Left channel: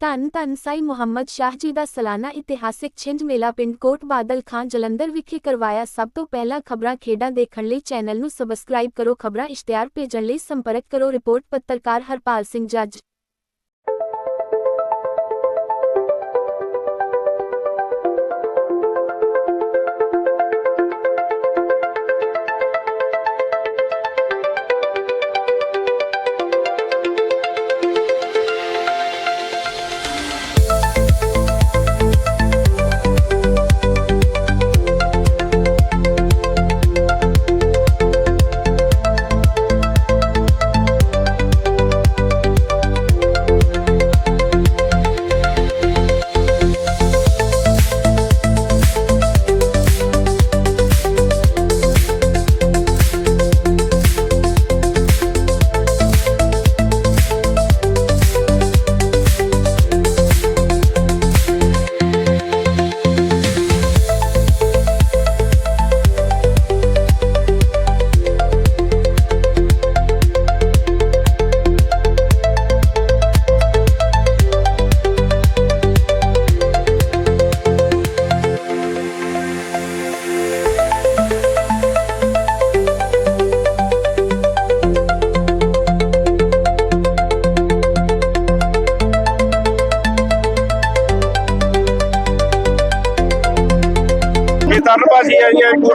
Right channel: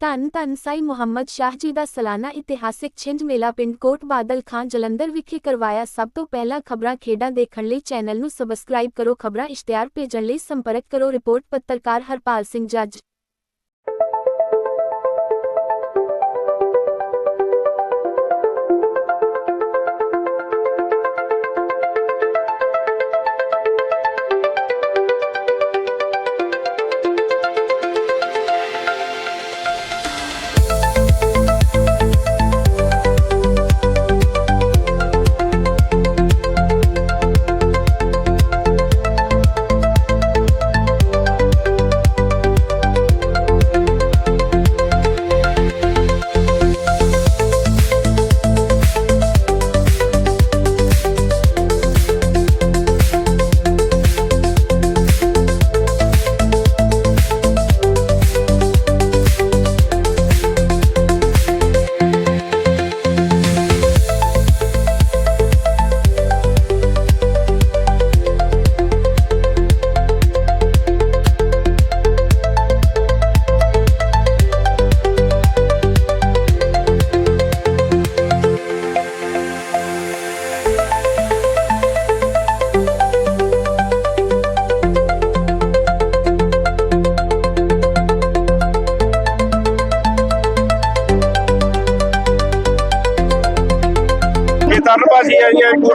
ਧੰਨ ਧੰਨ ਸਾਈ ਮੁਹੰਮਦ ਸ਼ਾਹ ਜੀ ਦਾ ਸਾਲਾਨਾ ਇਤਿਹਾਸਿਕ ਛਿੰਝ ਮੇਲਾ ਪਿੰਡ ਕੋਟ ਬਾਦਲ ਖਾਂ ਜਲੰਧਰ ਵਿਖੇ ਕਰਵਾਇਆ ਸਭ ਤੋਂ ਪਹਿਲਾਂ ਖਬਰਾਂ ਖੇਡਾਂ ਦੇਖਣ ਲਈ ਚੈਨਲ ਨੂੰ ਸਬਸਕ੍ਰਾਈਬ ਕਰੋ, ਖਬਰਾਂ ਇਸ਼ਤਿਹਾਰ ਭੇਜਣ ਲਈ ਸੰਪਰਕ ਕਰੋ, ਰਿਪੋਰਟ ਪੱਤਰਕਾਰ ਹਰਪਾਲ ਸਿੰਘ ਜੱਜ।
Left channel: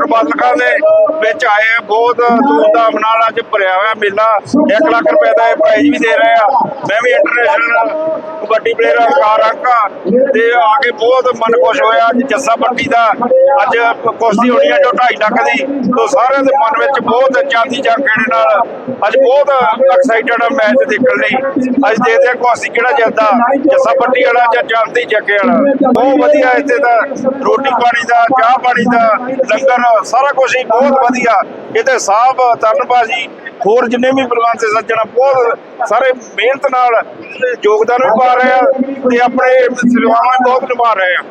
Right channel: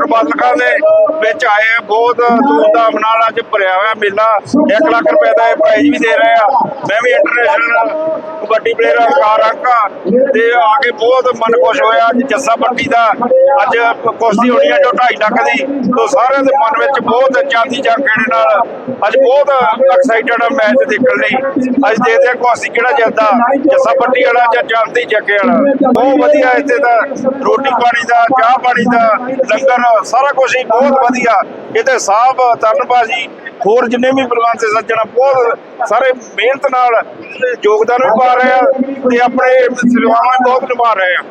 ਹੈ ਜੀ ਖਾਨ ਦੇ। ਵਿੱਚ ਆਏ ਆ, ਬਹੁਤ ਧੂਮਧਾਮ ਨਾਲ ਅੱਜ ਭਰਿਆ ਹੋਇਆ ਮੇਲਾ। 1 ਲੱਖ ਰੁਪਏ ਦਾ ਇਹ ਪ੍ਰਾਈਜ਼ ਵੀ ਦੇ ਰਹੇ ਆ। ਮੈਂ ਵੀ ਇੰਟਰਨੈਸ਼ਨਲ ਕਬੱਡੀ ਪਲੇਅਰ ਅਕਾਰ ਅੰਕਾ। ਤੇ ਆ ਕੇ ਬਹੁਤ ਮਨ ਖੁਸ਼ ਹੋਇਆ ਅੱਜ ਜੱਸਾ ਪੱਟੀ ਦਾ। ਅੱਜ ਕੁਸ਼ਤੀ ਹੋਣੀ ਆ ਜੋ 2.5 ਲੱਖ ਦੀ। ਤੋਂ ਸਾਰਿਆਂ ਦੇ ਮਨ ਵਿੱਚ ਬਹੁਤ ਚਾਂਦੀ ਜਾਂ ਖੇੜੇ ਨਾਲ ਅੱਜ ਬਹੁਤ ਐਕਸਾਈਟਡ ਆ ਮੈਚ ਦੇਖਣ ਲਈ। ਅੱਜ ਦੇਖਦੇ ਆ ਕੁਸ਼ਤੀ ਕਿਹੜਾ ਜਿੱਤਦਾ, ਜੱਸਾ ਪੱਟੀ ਵਾਲਾ ਜਾਂ ਚਾਂਦੀ ਜੱਗੇ ਵਾਲਾ। ਬਹੁਤ ਵਧੀਆ ਇੱਥੇ ਦਾ ਰੋਟੀ ਪਾਣੀ ਦਾ, ਚਾਹ ਪਾਣੀ ਦਾ, ਲੰਗਰ, ਸਾਰਾ ਕੁਝ ਹੀ ਬਹੁਤ ਵਧੀਆ। ਇਹਦੇ ਸਾਹਬ ਤਰਨਬਾਜੀ ਹੋਰ ਜਿੰਨੇ ਵੀ ਬਲਵੰਤ ਤੇ ਸੱਜਣ, ਬਹੁਤ ਸਾਰੇ ਮਿਹਨਤ ਨਾਲ ਯੋਗਦਾਨ ਵੀ ਪਾ ਰਹੇ ਆ ਤੇ ਆਪਣੇ ਸੇਵਾਵਾਂ ਬਹੁਤ ਨਿਭਾ ਰਹੇ ਆ।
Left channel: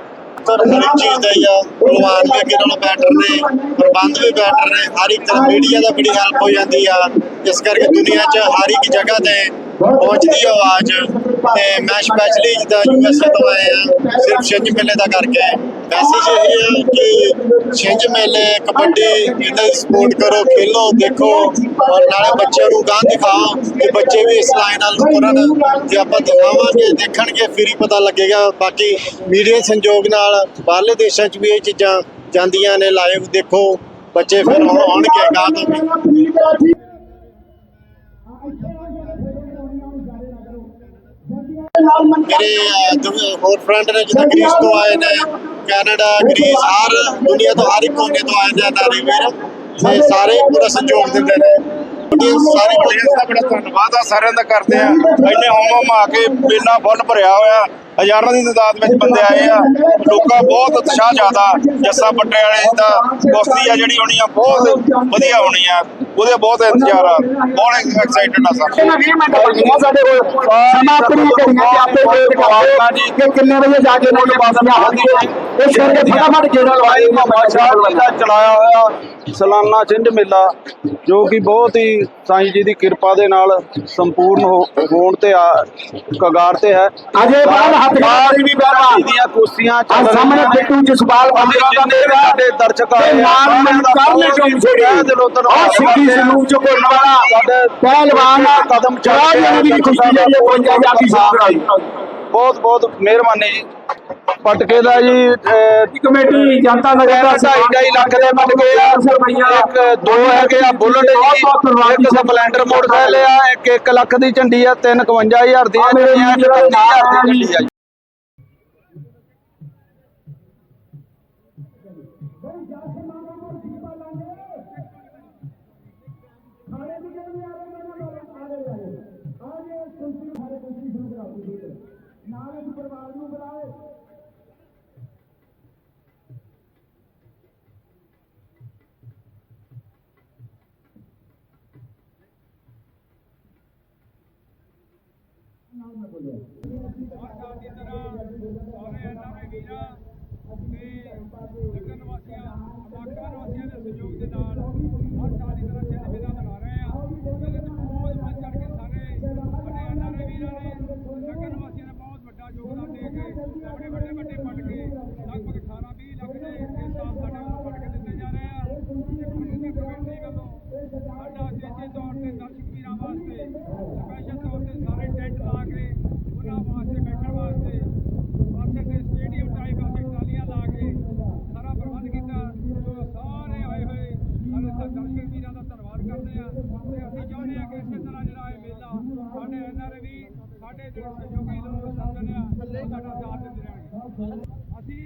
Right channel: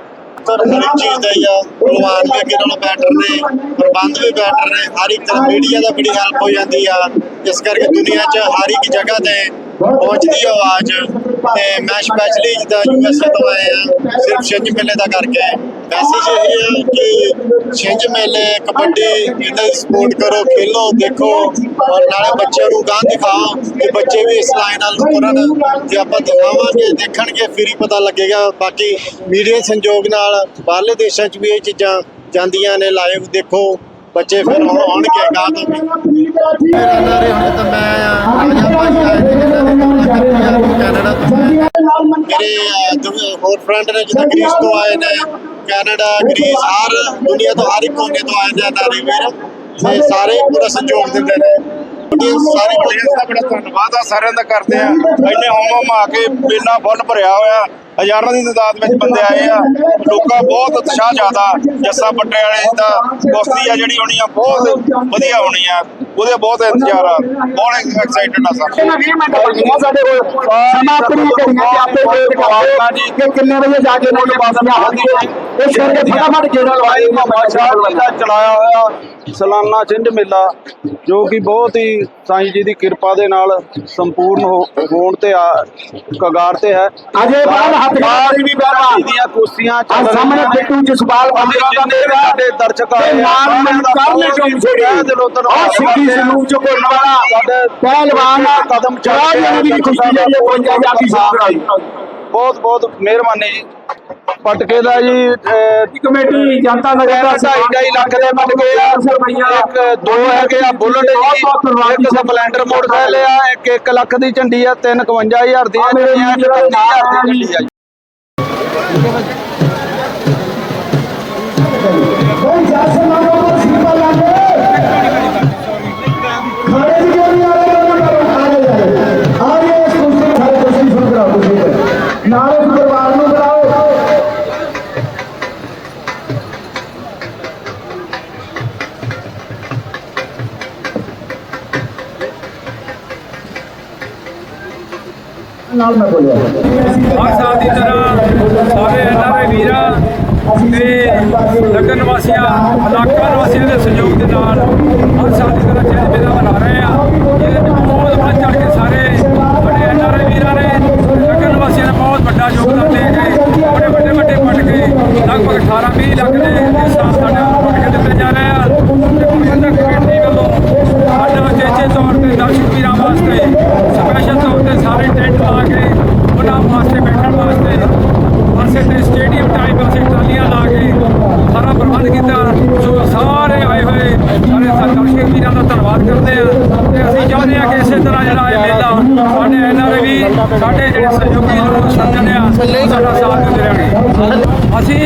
ਤਾਂ ਹਰ ਇੱਕ ਚੀਜ਼ ਦਾ ਹੀ ਆ ਪ੍ਰਵਾਨ ਵੀ ਅੱਗੇ ਨਾਲੋਂ ਬੈਟਰ ਨੇ, ਪ੍ਰਬੰਧ ਵੀ ਬੈਟਰ ਨੇ, ਹਰ ਇੱਕ ਤਰ੍ਹਾਂ ਮੀਡੀਆ ਦਾ ਬੜੀ ਹੈਲਪ ਹੋ ਜਾਂਦੀ ਆ। ਇਸ ਕਰਕੇ ਦੁਨੀਆ 'ਚ ਹਰ ਇੱਕ ਜਗ੍ਹਾ ਤੇ ਪਹੁੰਚਦੀ ਆਵਾਜ਼। ਤੇ ਮੈਂ ਸਪੈਸ਼ਲੀ ਜਿੱਦਾਂ ਯੂਐਸਏ ਤੋਂ ਆਏ ਆ ਸਿਰਫ ਛਿੰਝ ਮੇਲੇ ਦਾ ਕਰਕੇ। ਮੈਸੇਜ ਇਹ ਹੈ ਕਿ ਛਿੰਝ ਮੇਲੇ ਕਬੱਡੀ ਇਹਨਾਂ ਸਪੋਰਟ ਕਰੋ ਖੇਲੋ ਦੇਖੋ। ਔਰ ਨਾਲੇ ਬੱਚਿਆਂ ਨੂੰ ਗਾਂ ਦਿਖਾਓ ਕਿ ਬੱਚੇ ਵੀ ਇਸ ਲਾਈਨ ਨਾਲ ਤੁਰਨ ਤੇ ਆਪਾਂ ਦਿਖਾਵਾਂਗੇ ਦੇਖਣਗੇ ਫਿਰ ਹੀ ਪਤਾ ਲੱਗੇਗਾ। ਬਾਕੀ ਮੀਡੀਆ ਸੰਯੋਗ ਨਾਲ ਬਾਹਰਲੇ ਦੇਸ਼ਾਂ 'ਚ ਵੀ ਇਹ ਚੀਜ਼ਾਂ ਜਾਂਦੀਆਂ ਨੇ ਲਾਈਵ ਦੇਖੋ। ਬੱਚੇ ਫਿਰ ਆਉਣਗੇ ਗਾਂ ਤੋਂ ਵੀ। ਮੇਰੇ ਅਹ, ਦੁ- ਹੋਰ ਫਰੈਂਡ ਨੇ ਜਿੱਦਾਂ ਗ੍ਰੀਸ ਤੋਂ ਆਏ ਨੇ। ਕੈਨੇਡਾ, ਗ੍ਰੀਸ, ਹਰ ਦੁਨੀਆ ਤੋਂ, ਹਰ ਇੱਕ ਕੋਨੇ ਤੋਂ ਆਏ ਨੇ ਨਾਰੀ ਵੀਰ। ਤੇ ਸਾਰੇ ਪੂਰਾ ਸਹਿਯੋਗ ਦਿੰਦੇ ਨੇ। ਸਾਰੇ ਪਲੇਅਰਸ ਦਾ ਬੜਾ ਧੰਨਵਾਦ ਆ, ਸਾਰਿਆਂ ਦਾ ਕਰਦੇ ਆ। ਇੰਨੇ ਹੋਮ ਹੋਮ ਆ ਕੇ ਮੇਲਾ ਫੁੱਲ ਭਰਿਆ ਹੋਇਆ ਹਜ਼ਾਰਾਂ ਦੀ ਤਾਦਾਦ ਵਿੱਚ ਬੰਦੇ ਆਏ ਆ। ਲੋਕਾਂ ਬਹੁਤ ਉਤਸ਼ਾਹ ਜ਼ਿਆਦਾ। ਜੱਸਾ ਪੱਟੇ ਵਾਲੇ ਦਾ ਕੁਸ਼ਤੀ ਆ ਜਿਹੜੀ ਹੋਣੀ ਆ ਬਹੁਤ ਵਧੀਆ ਹੋਣੀ ਆ। ਉਹਦੇ ਬਹੁਤ ਇੰਤਜ਼ਾਰ ਆ। ਬਹੁਤ ਐਕਸਾਈਟਡ ਆ ਸਾਰੇ ਇਹਨਾਂ 20 ਮਿੰਟ ਲੱਗੀਆਂ ਸਾਡੇ ਕੋਲ। ਸਮਾਪਤੀ ਕਰੀਆਂ ਤੇ ਆਪੇ ਵੇਟ ਕਰਦੇ ਕਿ ਕਿੰਨੇ ਵਜੇ ਜਾ ਕੇ ਮੋਟਰ ਪਾਸੀਆਂ ਹੁੰਦੀਆਂ ਇਸ ਕਰਕੇ ਫਟਾਫਟ ਗੇੜਾ ਲਵਾਈ ਬਾਦਸ਼ਾਹ ਜੀ ਦਾ ਚਲਾਇਆ ਹੋਇਆ ਸਾਲਾਨਾ ਛਿੰਝ ਮੇਲਾ ਜੋ ਕਿ ਬਹੁਤ ਹੀ ਸਾਈਂ ਜੀ ਦੀ ਕਿਰਪਾ ਦੇ ਨਾਲ ਸੰਪੂਰਨ ਹੋ- ਹੋਣ ਤੇ ਆ ਕਗਾਰ ਤੇ ਹੈ। ਅਜੇ ਬਾਅਦ ਹੱਥ ਬਾਹਰ ਵੀ ਦੀਆਂ ਆ ਚੱਲ ਸਾਹਮਣੇ। ਬਿੱਟੂ ਜਸਪਾਲ ਦਾ ਦਰਸ਼ਕ ਆ, ਕਰਨੇ ਬਹੁਤ ਚੋਂ ਹੀ ਛੋੜੀ ਤਹਿ ਦਿਲੋਂ ਧੰਨਵਾਦ ਆ ਸਿੱਧੀ ਕਰਦੇ ਆ। ਸਲੂਕ ਚ ਕੋਲ ਵਾਲਾ ਸਾਡੇ ਪਹਿਲਵਾਨ ਕਦਮ ਚੱਲ ਚੜਾ ਰਿਹਾ ਦੀ ਖੁਸ਼ੀ ਹੈ ਇਹ 55000 ਦੀ ਸਾਹਮਣੇ ਬਹੁਤ ਬਹੁਤ ਮਿਹਰਬਾਨੀ ਜੀ। ਪਟਕੇ ਦਾ ਜੀ ਕਮੇਟੀ ਜਨਤਾ ਨਗਰ ਦਾ ਢਾਈ ਢਾਈ ਲੱਖ ਦੇ ਪਟਕੇ ਆ। ਇੱਕ ਦੋ ਹੈਗੇ ਆ ਬੁਲਟ ਜੀ। ਇੱਕ ਸਪਲੈਂਡਰ ਮੋਟਰਸਾਈਕਲ ਆ ਇੱਕ 1 ਲੱਖ ਦੀ ਝੰਡੀ ਆ 35000 ਦੀ ਆ ਝੰਡੀਆਂ 35000 ਦੀ ਝੰਡੀ ਆ ਨਗਰ ਨਿਵਾਸੀਆਂ ਇਲਾਕਾ ਨਿਵਾਸੀਆਂ ਦੇ ਸਹਿਯੋਗ ਦੇ ਨਾਲ ਹਰ ਸਾਲ ਦੀ ਤਰ੍ਹਾਂ ਚਿਹਰੇ ਮੇਲਾ ਮਨਾ ਰਹੇ ਆ ਇਹਦੇ ਵਿੱਚ ਬਹੁਤ ਵੱਧ ਚੜ ਕੇ ਸਾਰੇ ਸਾਡੇ ਐਨਆਰਆਈ ਵੀਰਾਂ ਨੇ ਨਗਰ ਨਿਵਾਸੀਆਂ ਨੇ ਬਹੁਤ ਵੱਡਾ ਯੋਗਦਾਨ ਦੇ ਕੇ ਬੜੇ ਵੱਡੇ ਵੱਡੇ ਪਟਕੇ ਲਗਭਗ 18 20 ਲੱਖ ਦੇ ਇਸ ਸਾਲ ਸਾਡੇ ਵੱਲੋਂ ਦਿੱਤੇ ਜਾ ਰਹੇ ਆ ਤੇ ਪ੍ਰਬੰਧਕ ਕਮੇਟੀ ਵੱਲੋਂ ਸਾਡਾ ਚੇਚੇ ਤੌਰ ਤੇ ਦਰਸ਼ਕ ਵੀਰਾਂ ਵਾਸਤੇ ਸਪੈਸ਼ਲ ਤੌਰ ਤੇ ਸਾਰੇ ਟੈਂਟ ਲਾ ਕੇ ਉਹਨਾਂ ਵਾਸਤੇ ਬੈਠਣ ਵਾਸਤੇ ਪਾਸੇ ਤੇ ਸਟੇਡੀਅਮ ਟਾਈਪ ਅਸੀਂ ਟਰਾਲੀਆਂ ਲਾ ਕੇ ਸਾਰਾ ਪ੍ਰਬੰਧ ਕੀਤਾ। ਸੋ ਸਾਰੇ ਆਏ ਹੋਏ, ਸਾਰੇ ਦਰਸ਼ਕ ਵੀਰਾਂ ਦਾ ਧੰਨਵਾਦ ਕਰਦੇ ਆ ਤੇ ਅਸੀਂ ਚਾਹੁੰਦੇ ਆ ਕਿ ਇਸੇ ਤਰ੍ਹਾਂ ਜਿਹੜਾ ਇਹ ਮੇਲਾ ਸਾਡੇ ਐਨਆਰਏ ਵੀ, ਸਾਡੇ ਜਿਹੜੇ ਸਹਿਯੋਗੀ ਲੋਕ ਸੱਜਣ ਆ ਸਾਡਾ ਸਾਥ ਦਿੰਦੇ ਰਹਿਣਗੇ। ਅਸੀਂ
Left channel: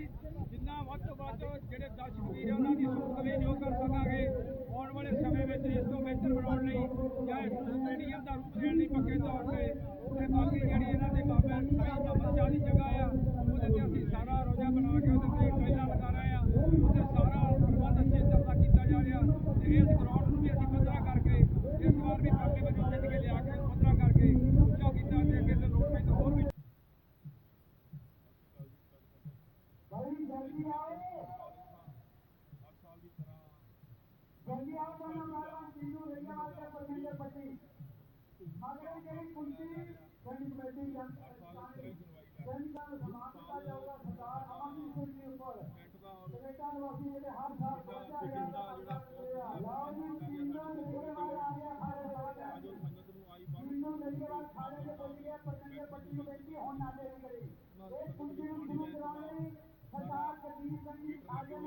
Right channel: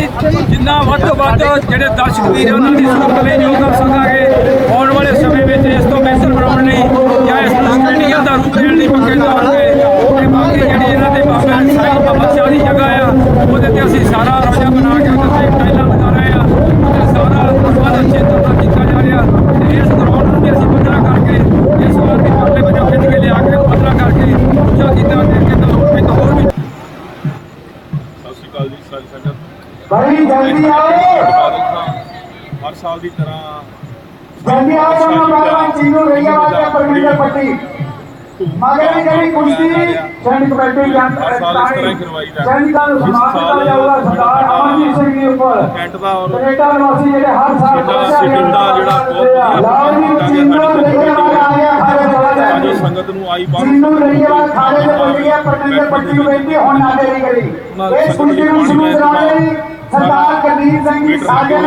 ਜਿੰਨਾ ਵੱਧ ਤੋਂ ਵੱਧ ਜਿਹੜੇ ਦਰਸ਼ਕ ਵੀਰ ਉਹਨਾਂ ਦੀ ਸਹੂਲਤ ਲਈ ਜੋ ਕਰ ਸਕਾਂਗੇ ਆਉਣ ਵਾਲੇ ਸਮੇਂ ਵਿੱਚ ਇਸ ਤੋਂ ਬਿਹਤਰ ਬਣਾਉਣ ਲਈ ਜਾਂ ਇਸ ਨੂੰ ਸਟੇਡੀਅਮ ਦਾ ਰੂਪ ਦੇਣ ਲਈ ਪੱਕੇ ਤੌਰ ਤੇ ਤੇ ਬਾਕੀ ਜਿਹੜੀ ਇਹਨਾਂ ਦੇ ਬਾਬਾ ਸਾਈਂ ਬਾਬਾ ਸ਼ਾਹ ਦੀ ਜਗ੍ਹਾ ਆ ਉਹਦੇ ਤੇ ਅਸੀਂ ਸਾਰਾ ਰੋਜਾ ਬਣਾ ਕੇ ਉਹਦੇ ਤੇ ਟਾਈਲਾਂ ਲਗਾ ਰਹੇ ਆ ਤੇ ਸਾਰਾ ਪ੍ਰਬੰਧ ਅੱਛੇ ਤਰ੍ਹਾਂ ਨਾਲ ਕੀਤਾ ਜਾ ਰਿਹਾ ਤੇ ਇਸ ਗਰਾਊਂਡ ਨੂੰ ਵੀ ਅਸੀਂ ਪੱਧਰਾ ਕਰਕੇ ਇਸ ਵਾਰ ਦੀ ਪਰਲੇ ਵਜੋਂ ਖਿੱਚ ਕੇ ਲਿਆ ਕੇ ਪੱਧਰਾ ਕਰਕੇ ਉੱਚਾ ਕੀਤਾ ਤੇ ਅੱਗੇ ਤੋਂ ਇੱਕ ਹੋਰ ਵੀ ਸਤਿ ਸ਼੍ਰੀ ਅਕਾਲ ਜੀ ਸਾਰੀ ਸੰਗਤ ਬੜੀ ਜਲਦੀ ਆਓ ਬਾਦਲ ਸਾਹਿਬ ਹਰ ਸਾਲ ਦੀ ਤਰ੍ਹਾਂ ਜਲਦੀ ਆਓ ਤੁਹਾਨੂੰ ਬਾਬਾ ਚੀਨੂ ਰਈਆ ਵਾਲੇ ਪਰਮਿੰਦਰ ਪੱਟੀ। ਮਗਰ ਵੀ ਜਿਹੜੀ ਕੁਸ਼ਤੀ ਸੈਨਿਕ ਕਮੇਟੀ ਜਾਂ ਹਰ ਸਾਲ ਕਰਵਾਈ ਦਾ ਸੈਨਿਕਾਂ ਨੂੰ ਸਨਮਾਨ ਸਾਲ ਕੀਤਾ ਜਾਊਗਾ ਸਰਦਾਰ ਅਮਨਜੀਤ ਸਿੰਘ ਜੀ ਉੱਪਰ। ਕੈਂਟ ਦਾ ਔਰ ਕੈਨੇਡਾ ਨਿਵਾਸੀ ਜਿਹੜੇ ਹਰ ਸਾਲ ਸਿਟਿੰਗ ਦਾ ਜਿਹੜਾ ਬਹੁਤ ਲਾਲ ਜੀ ਚੀਨੂ ਰਈਆ ਵਾਲਾ ਆ ਗਿਆ ਖਾੜੇ ਵਾਲਾ ਸਾਡੀ ਸੰਗਤ ਨੂੰ ਆਈ ਬਾਹਰ। ਚੀਨੂ ਰਈਆ ਵਾਲਾ ਖਾੜੇ ਦੇ ਬੋਲ ਗਿਆ ਪਰਮਿੰਦਰ ਪੱਟੀ ਨੂੰ ਬੇਨਤੀ ਹੁਣ ਨਾ ਦੇਰੀ ਕਰੀ। ਇਸ ਕੁਸ਼ਤੀ ਨੂੰ ਸ਼ੁਰੂ ਕਰਾਉਣ ਲਈ। ਸਰਦਾਰ ਕਰਦੀਪ ਸਿੰਘ ਜੀ ਸਾਜਨ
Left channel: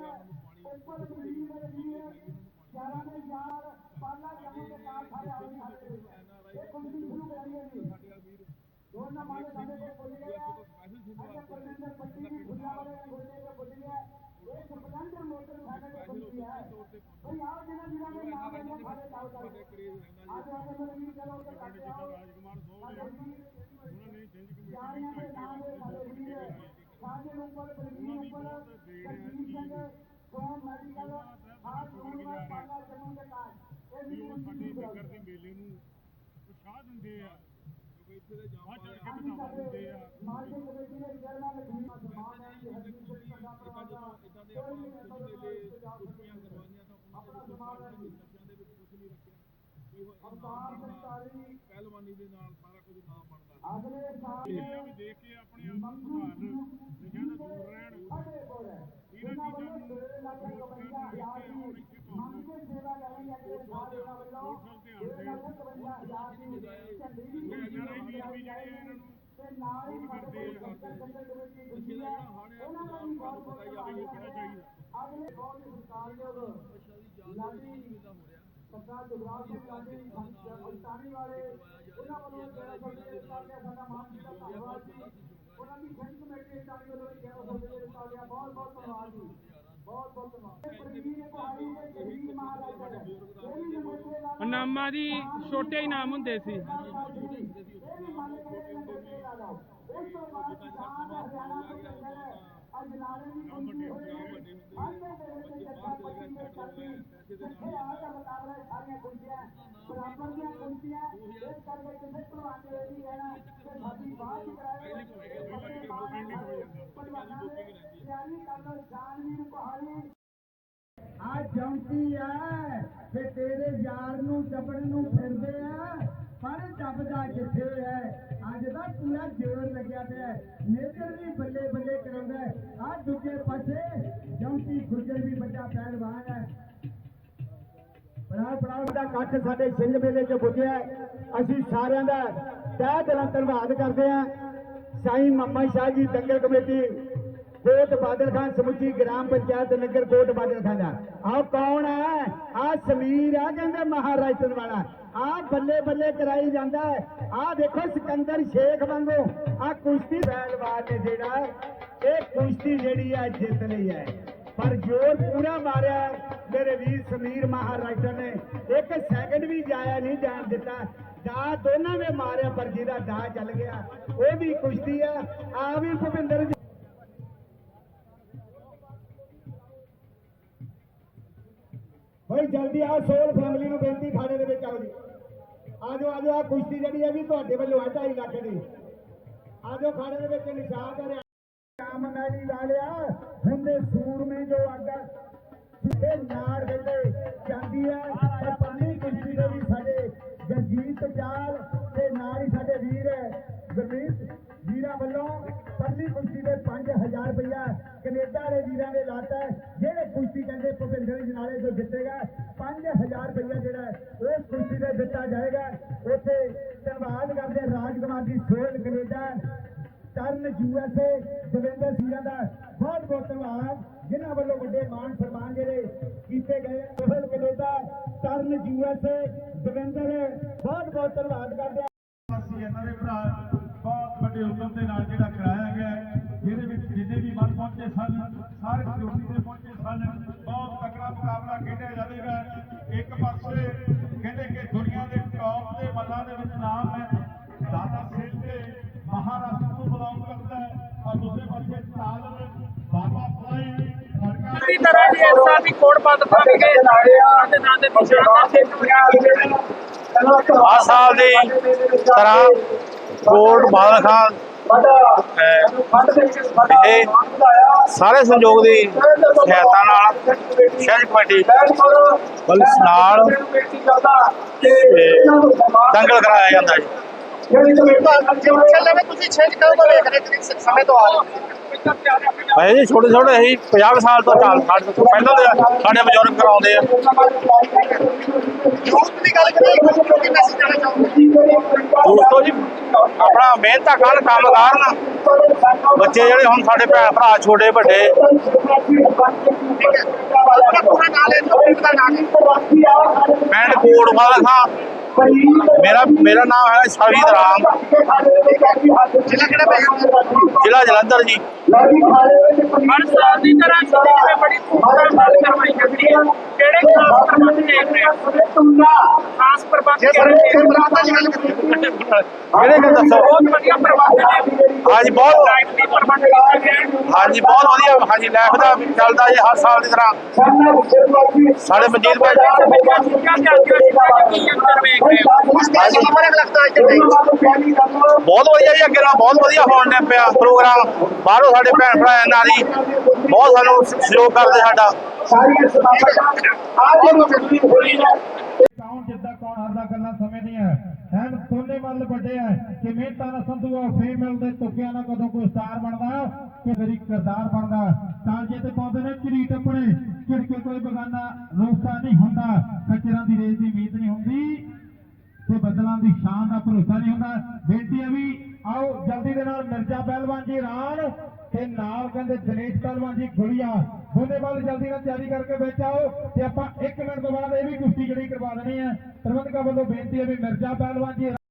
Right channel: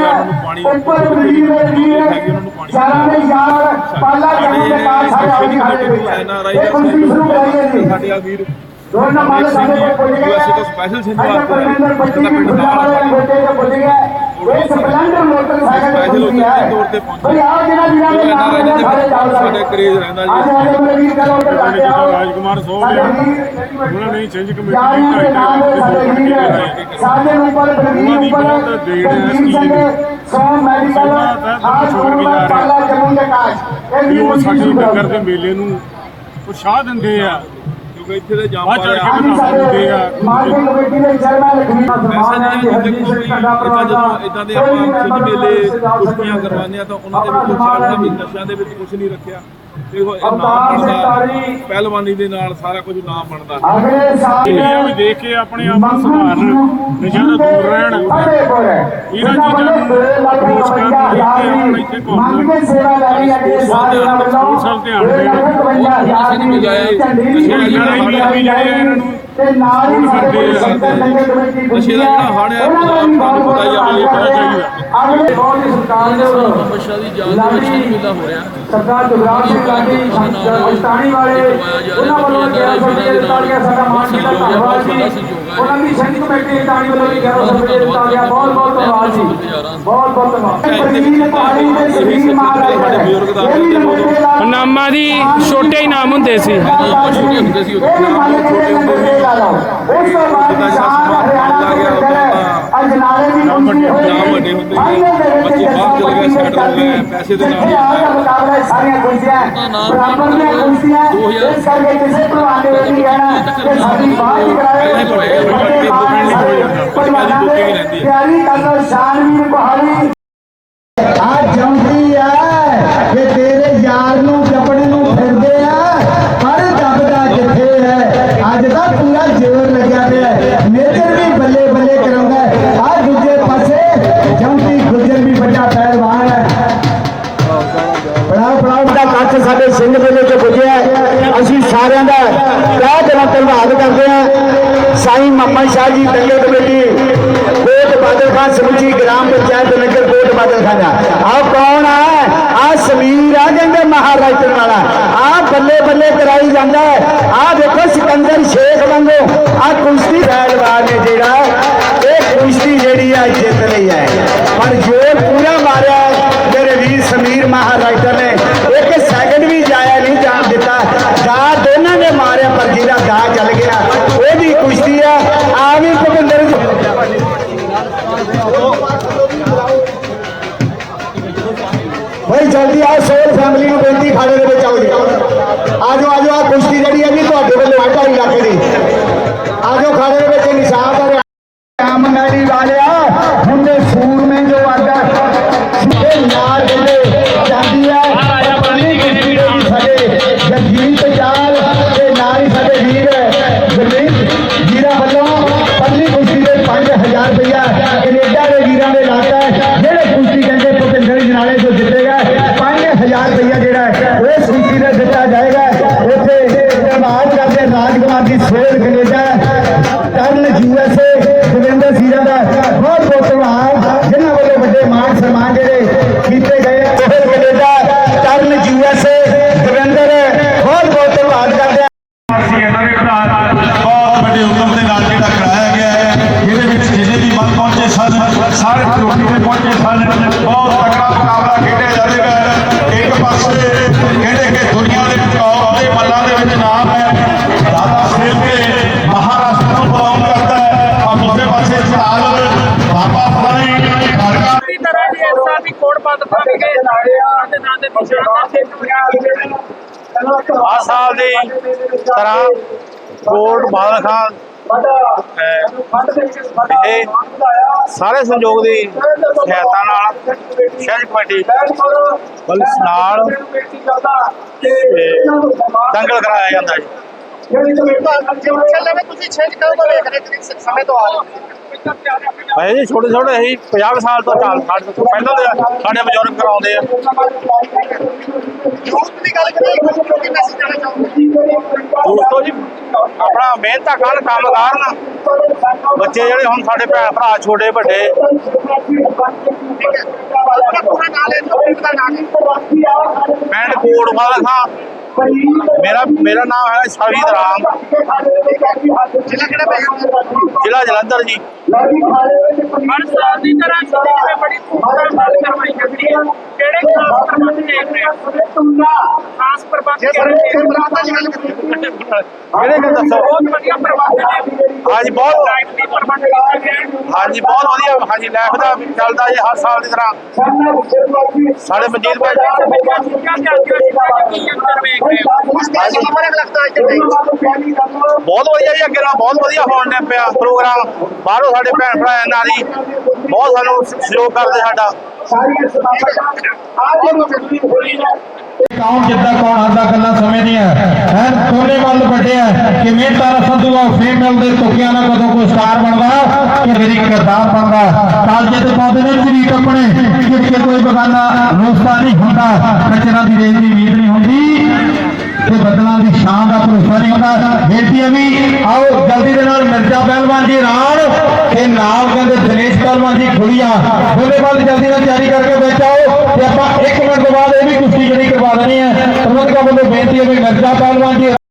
ਉੱਪਰ ਵਜ਼ੀਰ ਦੇ ਵੀਰ ਚਾਰਾਂ ਦੇ ਯਾਰ ਪਾਲਾ ਜੰਗ ਦੇ ਨਾਲ ਸਾਡੇ ਆਉਣ ਖਾੜੇ ਵਿੱਚ ਇਹ ਕੁਸ਼ਤੀ ਸ਼ੁਰੂ ਕਰਾਈਏ ਜੀ। ਸਾਡੇ ਆ ਵੀਰ ਦੋਨ ਨੰਬਰ ਸਾਡੇ ਕੋਲ ਪੁੱਜ ਗਏ USA ਤੋਂ ਪਰਮਿੰਦਰ ਪੱਟੀ ਇਹਦਾ ਵੀ ਪਿੰਡ ਨਾਲ ਵਾਲੇ ਗੋਟੇ ਤੇ ਪੁੱਜ ਗਿਆ ਇਹ ਸਪਲੈਂਡਰ ਮੋਟਰਸਾਈਕਲ ਤੇ ਪੁੱਜੀ ਤੇ ਹੈ। ਪਹੁੰਚੇ। ਭਈ ਆਓ ਜਿਹਨਾਂ ਜਿਹਨਾਂ ਦੇ ਨਾਮ ਇਹਨਾਂ ਹੈ ਸਾਰੇ ਜਾਓ ਸਾਡੇ ਕਰੇਜ਼ ਰਹਿੰਦਾ ਜੀ। ਸਾਡੇ ਰਾਜਕੁਮਾਰ ਸੋਹ ਸਾਡੇ ਉਹਨਾਂ ਨੇ ਛਿੰਝ ਕਮੇਟੀ ਦੇ ਨਾਮ ਹੈ। ਸਾਡੇ ਉੱਪਰ ਬਲਵੀਰ ਉੱਪਰ ਬਹੁਤ ਦੇਣ ਹੈ। ਬਲਵੀਰ ਸਿੰਘ ਸੋਮ ਮੈਡੀਕਲ ਹਾਲ ਛੋੜ ਕੇ ਜਾ ਰਹੇ ਇਹ ਵੀ ਉਹ ਸਾਡੇ ਨਗਰ ਦੇ ਮੇਲੇ ਨੂੰ ਉਤਸ਼ਾਹ ਦਿੰਦੇ ਆ। ਕਿਉਂਕਿ ਇੱਥੇ ਦੇ ਜਾਮ ਵੱਧ ਚੜ੍ਹ ਕੇ ਪਾਇਆ ਅੱਜ ਸਾਡੇ ਮਾਰਕੀਟ ਕਮੇਟੀ ਦੇ ਚੇਅਰਮੈਨ ਲਖਵੀਰ ਸਨਮਾਨ ਹੈ ਜੀ ਹਰਜੀਤ ਸਿੰਘ ਪਰਿਵਾਰ ਦਾ ਇਦਾਂ ਦੇ ਆਪਾਂ ਸਿੱਧ ਮੇਲੇ ਕੁਸ਼ਤੀਆਂ। ਕਰਵਾਉਂਦੇ ਆ ਤਾਂ ਉਹਨਾਂ ਦੇ ਵਿੱਚ ਸਾਡਾ ਵੀ ਨਸ਼ਿਆਂ ਦੇ ਵਿੱਚ ਕੁਝ ਨਹੀਂ ਰੱਖਿਆ। ਅਵਤਾਰ। ਪਹਿਲਵਾਨੀ ਦੇ ਨਾਲ ਸਾਰਾ ਕੁਝ ਨਾਮ ਬਣਦਾ। ਅਗਲੇ ਸਾਲ ਇਹ ਵੀ ਦੇਖ ਕੇ ਆਪਣੇ ਆਪ ਨੂੰ ਸੁਧਾਰਨ ਨਸ਼ਿਆਂ ਤੋਂ ਦੂਰ ਰਹਿਣ। ਇਹਨਾਂ ਚੀਜ਼ਾਂ ਨੂੰ ਅਪਰੋਚ ਕਰਨ ਕੇ ਆਪਣਾ ਇੱਥੇ ਮੰਗ ਕੇ ਸੇਵਾ ਲੈ ਰਹੀ ਹੈ ਜੀ ਸਾਰੇ ਸਭ ਤੇ ਨਾਲ ਹੀ ਸਾਡੇ ਨਸ਼ੇ ਦਾ ਜਿਹੜਾ ਹੜ੍ਹ ਹੈ, ਉਹਨਾਂ ਦਾ ਵੀ ਬਹੁਤ ਪਤਾ ਹੀ। ਆ ਵੀ ਇਹ ਬਹੁਤ ਚਾਹੀਦਾ। ਅਗਲੇ ਬਹੁਤ ਹੀ ਸਰਕਾਰ ਦੇ ਵੱਲੋਂ ਬੱਚਾ ਦੀ ਜਾਨ ਦੇ ਹੋ ਰਿਹਾ। ਗਾਂਧੀ ਸੰਸਥਾਨੀ ਵਾਲੇ ਉਹਨਾਂ ਵੱਲੋਂ ਕਿਹਾ ਸਭੇ ਦੇ ਤਾਲੀਆਂ ਸਾਡਾ ਮਾਨ ਕੀਤਾ ਧੰਨਵਾਦ ਜੀ। ਉਹਨਾਂ ਦੀ ਸੰਘ ਕਮੇਟੀ ਦੀ ਤਾਲੀ ਵੱਲੋਂ ਵੀ ਕਿਹਾ ਸਭੇ ਦੇ ਤਾਲੀਆਂ ਬਹੁਤ ਬਹੁਤ ਧੰਨਵਾਦ ਜੀ। ਬਹੁਤ ਬਹੁਤ ਧੰਨਵਾਦ। ਪ੍ਰਵੀਨ ਪਹਾੜੀ ਦੇ ਸਰੀਰ ਮਹਾਰਾਜ ਦਾ ਨਾਮਾਂ ਦੀ ਛੋਟੇ ਇਨਾਮ ਹੁੰਦੇ ਸੀ। ਛੋਟੇ ਹੁੰਦੇ ਸੀ ਉਹ ਵੀ ਮੰਨ ਕੇ ਨੰਬਰ ਦੇ ਲਾ ਲਓ ਉਸ ਤੋਂ ਬਾਅਦ ਹਰਿਆਣਾ ਦੇ ਅਜਨਾਲੇ ਪਹੁੰਚੇ ਹੋਏ ਨਾਮ ਵੱਡੇ ਹੁੰਦੇ ਨੇ। ਬੱਚੇ ਬਾਹਰ ਚਲੇ ਗਏ ਸੈਟਲ ਹੋ ਗਏ ਪੈਸੇ ਦੇ ਨਾਲ ਹੀ ਆਇਆ ਮੁਕਾਬਲਾ ਇਹ ਸਾਰੀਆਂ ਕੁਰਸੀਆਂ ਬਰਾਬਰ ਦੀਆਂ ਕੁਰਸੀਆਂ ਇਸ ਕਰਕੇ ਕਿਸੇ ਭਲਵਾਨ ਦੇ ਵਿੱਚ ਨਹੀਂ ਕਹਿਣਾ ਕਿ ਸਾਡੀ ਬਾਤ ਹੀ। ਤਿਆਰੀ ਕਰਨਾ ਸ਼ਾਨਵੀਰ ਬਹਾਲੀ। ਆ ਜੰਮਦੀ ਆ ਕਿ ਤੇਰੇ ਯਾਰ ਨੂੰ ਜਪਣ ਨੂੰ ਫਿਰਦੇ ਆ ਪਰ ਜਪਦਾ ਕਿੱਥੇ ਹੈ ਅੱਜ ਦਾ ਪੂਰਾ ਜ਼ੋਰ ਲੱਗਿਆ ਪਿਆ ਹੈ। ਮੇਜਰ ਵੀ ਬੱਲੇ ਬੱਲੇ ਕਰਾਉਂਦਾ ਆ ਦੂਜੇ ਪਾਸੇ ਜੰਮਦੀ ਗੁਜਰ ਵੀ ਵੱਡਾ ਪਹਿਲਵਾਨ ਹੈ ਬੜਾ ਬੜਾ ਵੱਡਾ ਕੱਚ ਸਾਡੇ ਸਿੰਘ ਮੇਲੇ ਚ ਪੁੱਜਿਆ ਹੈ। ਅਸੀਂ ਸਾਰਿਆਂ ਦਾ ਤਹਿ ਦਿਲੋਂ ਧੰਨਵਾਦ ਕਰਦੇ ਹਾਂ ਸਾਈਂ ਮਾਮਾ ਸ਼ਾਹ ਜੀ ਦੰਗੇ ਕਮੇਟੀ। ਕੋਟ ਬਾਦਲ ਖਾਨ ਸਮੁੱਚੀ ਗ੍ਰਾਮ ਪੰਚਾਇਤ ਨਗਰ ਕੋਟ ਬਾਦਲ ਖਾਨ। ਆਹ ਕੌਣ ਆ? ਆ ਸਮੀਰ ਆ ਕਹਿੰਦੇ ਮਹਾਰਾਜਨ ਵਾਲਾ। ਆ ਬੱਲੇ ਬੱਲੇ ਕਰਾਈ ਜਾਂਦਾ ਆ ਦੇਖੋ ਸਿਕੰਦਰ ਸ਼ੇਖ ਵਾਂਗੂ। ਆ ਕੁਸ਼ਤੀ ਪਹਿਲਵਾਨ ਨੇ ਜਿਹੜਾ, ਇਹ ਕੁਸ਼ਤੀ ਜਿਹੜੀ ਆ ਜਿੱਤ ਲਈ ਹੈ। ਪਰ ਜੋਰ ਸਾਰੇ ਤਰੋਟੀ ਤੇ ਪਹੁੰਚੇ ਸਨ। ਬਹੁਤ ਤਕੜਾ ਮੁਕਾਬਲਾ ਖੇਡਿਆ ਜਾਵੇਗਾ ਇੱਕ ਪਾਸੇ ਕਹਿੰਦੇ ਕਿ ਦੁਨੀਆ ਦੇ ਟੌਪ ਦੇ ਮੱਲਾਂ ਦੇ ਵਿੱਚ ਨਾਮ ਹੈ। ਦਾਦਾ ਸਾਹਿਬ ਕੇ ਮਹਾਰਾਸ਼ਟਰ ਨੂੰ ਬਿਲੋਂਗ ਕਰਦਾ ਹੈ। ਔਰ ਦੂਸਰੇ ਪਾਸੇ ਚਾਲ ਬਾਬਾ ਫਲਾਈ ਕਾਰਕਾ ਪੂਰੀ ਤਰ੍ਹਾਂ ਦੀ ਇਸ ਸਾਲ ਕੋੜ ਕੇ ਨਾਂ ਦੇ ਨਿਸ਼ਾਨ ਸਾਲ ਦੀ ਤਰ੍ਹਾਂ ਕੋਟ ਬਾਦਲ ਖਾਨ ਇਹ ਸਾਰੇ ਸੰਯੋਗ ਦੀ ਸਹਾਇਤਾ ਨਾਲ ਸ਼ਹਿਰ ਕਮੇਟੀ ਨਾਲ ਦੰਗਲ ਕਰਾਇਆ ਜਾਂਦਾ ਜੀ। ਭਾਈ ਜੀ ਛੋਟੇ ਛੋਟੇ ਅਸੀਂ 50 ਕੁ ਸਾਲ ਤੋਂ ਚਾਲ ਸਾਡੇ ਤੋਂ ਪਹਿਲਾਂ ਦੇ ਸਾਡੇ ਬਜ਼ੁਰਗ ਕਰਾਉਂਦੇ ਆ। ਦੋਸਤੋ ਜੀ ਆਪਣਾ ਮਿਹਨਤਾਂ ਕਰਨ ਕੰਮ ਕਰਨ ਬੱਚੇ ਜਿਹੜੇ ਹੁਣ ਸਾਡੇ ਭੈਣ ਭਰਾ ਛੋਟੇ ਵੱਡੇ। ਪਿੰਡ ਕੋਟ ਵਾਲਾ ਖਾਂ ਮੇਰਾ ਮੇਰਾ ਨਾਮ ਹੈ ਸ਼ਾਹੀਦ ਰਾਮ। ਜ਼ਿਲ੍ਹਾ ਜਲੰਧਰ ਜੀ। ਹਰ ਸਾਲ ਦੀ ਤਰ੍ਹਾਂ ਵਾਰ ਵੀ ਬੜੀ ਨਾਲ ਕਰਵਾਈ ਜਾਂਦੀ ਹੈ ਕਿਹੜੇ ਖਾਸ ਪ੍ਰਬੰਧ ਦੇਖ ਰਹੇ ਹੋ ਖਾਸ ਪ੍ਰਬੰਧ ਕਿਹੜੇ ਕਿਹੜੇ ਕਿ ਦੱਸੋ। ਬਹੁਤ ਵਧੀਆ ਪ੍ਰਬੰਧ ਨੇ। ਹਾਂਜੀ ਬਹੁਤ ਲਾਈਫ ਦੀ ਪ੍ਰਬੰਧ ਕੀਤੇ ਹਨ। ਹਾਂਜੀ ਬਹੁਤ ਵਧੀਆ। ਹਾਂਜੀ ਲਾਈਫ ਦਾ ਚੱਲਦਾ ਜੀ ਹਰ ਸਾਲ ਦੀ ਤਰ੍ਹਾਂ। ਸਾਡੇ ਮਨਜੀਤ ਭਾਈ ਬਹੁਤ ਵਧੀਆ ਜੀ ਅੱਗੇ ਨਾਲ ਬਹੁਤ ਵਧੀਆ ਹੋਣ ਨੇ ਪਿਆ ਪ੍ਰੋਗਰਾਮ ਬਾਹਰੋਂ ਸਾਡੇ ਭੈਣ ਭਰਾ ਨਾਰੀ ਬਹੁਤ ਸਾਨੂੰ ਸਹਿਯੋਗ ਕਰਦੇ ਸਾਡਾ। ਕੌਣ ਜਿੱਦਾਂ ਕੌਣ ਆਂਦਾ ਗੱਲਾਂ ਸਮੇਂ ਦੀਆਂ ਹੈ ਕੋਨੇ ਵੱਲ ਵੱਡਿਆ ਕਿਵੇਂ ਤਾਰਾ ਸੰਧੂ ਆ ਫੀਮੇਲ ਦੇ ਤੁਕਿਆਂ ਨਾਲ ਕਦੋਂ ਕੋਈ ਸਟਾਰ ਬਣਦਾ ਕਿ ਮੇਰੀ ਕਿਰਦਾਰ ਬਣਦਾ। ਕਾਲਜੇ ਤੇ ਪਾਉਂਦੇ ਨੇ ਜਰੀਟ ਆਪਣੇ ਕਿ ਕੋਈ ਬਗਾਨਾ ਰੋਸਤਾ ਨਹੀਂ ਹੁੰਦਾ। ਖੱਚਰਾਂ ਦੀ ਰੇਤ ਦੀ ਉਮੀਦ ਨਹੀਂ ਹੁੰਦੀ। ਤੇ ਬਦਲਾਂ ਦੀ ਸ਼ਾਨ ਦਾ ਭਰੋਸਾ ਨਹੀਂ ਹੁੰਦਾ। ਬੇਨਤੀ ਹੈ ਵੀ ਆਓ ਜਲਦੀ ਦੇ ਨਾਲ ਮਿਰਜ਼ਾ ਪਹਿਲਵਾਨ ਜੀ ਰਾਣ ਤੇ ਨਾਲ ਕਹਿੰਦੇ ਦਿਨੇਸ਼ ਪਹਿਲਵਾਨ ਜੀ ਖੁਲੀਆ ਦੋਨੇ ਵੱਲ ਜਲਦੀ ਨਾਲ ਤਿਆਰੀ ਕਰਕੇ ਵਿੱਚ ਆਓ ਤੇ ਆਪਾਂ 1 ਮਿੰਟ ਤੋਂ ਬਾਅਦ ਇਹ ਵੀ ਕੁਸ਼ਤੀ ਜਿਹੜੀ ਕਰਵਾ ਦੇਣੀ ਹੈ। ਪ੍ਰਬੰਧਕਾਂ ਵੱਲੋਂ ਬੇਨਤੀ ਹੈ ਵੀ ਮਿਰਜ਼ਾ ਪਹਿਲਵਾਨ ਜੀ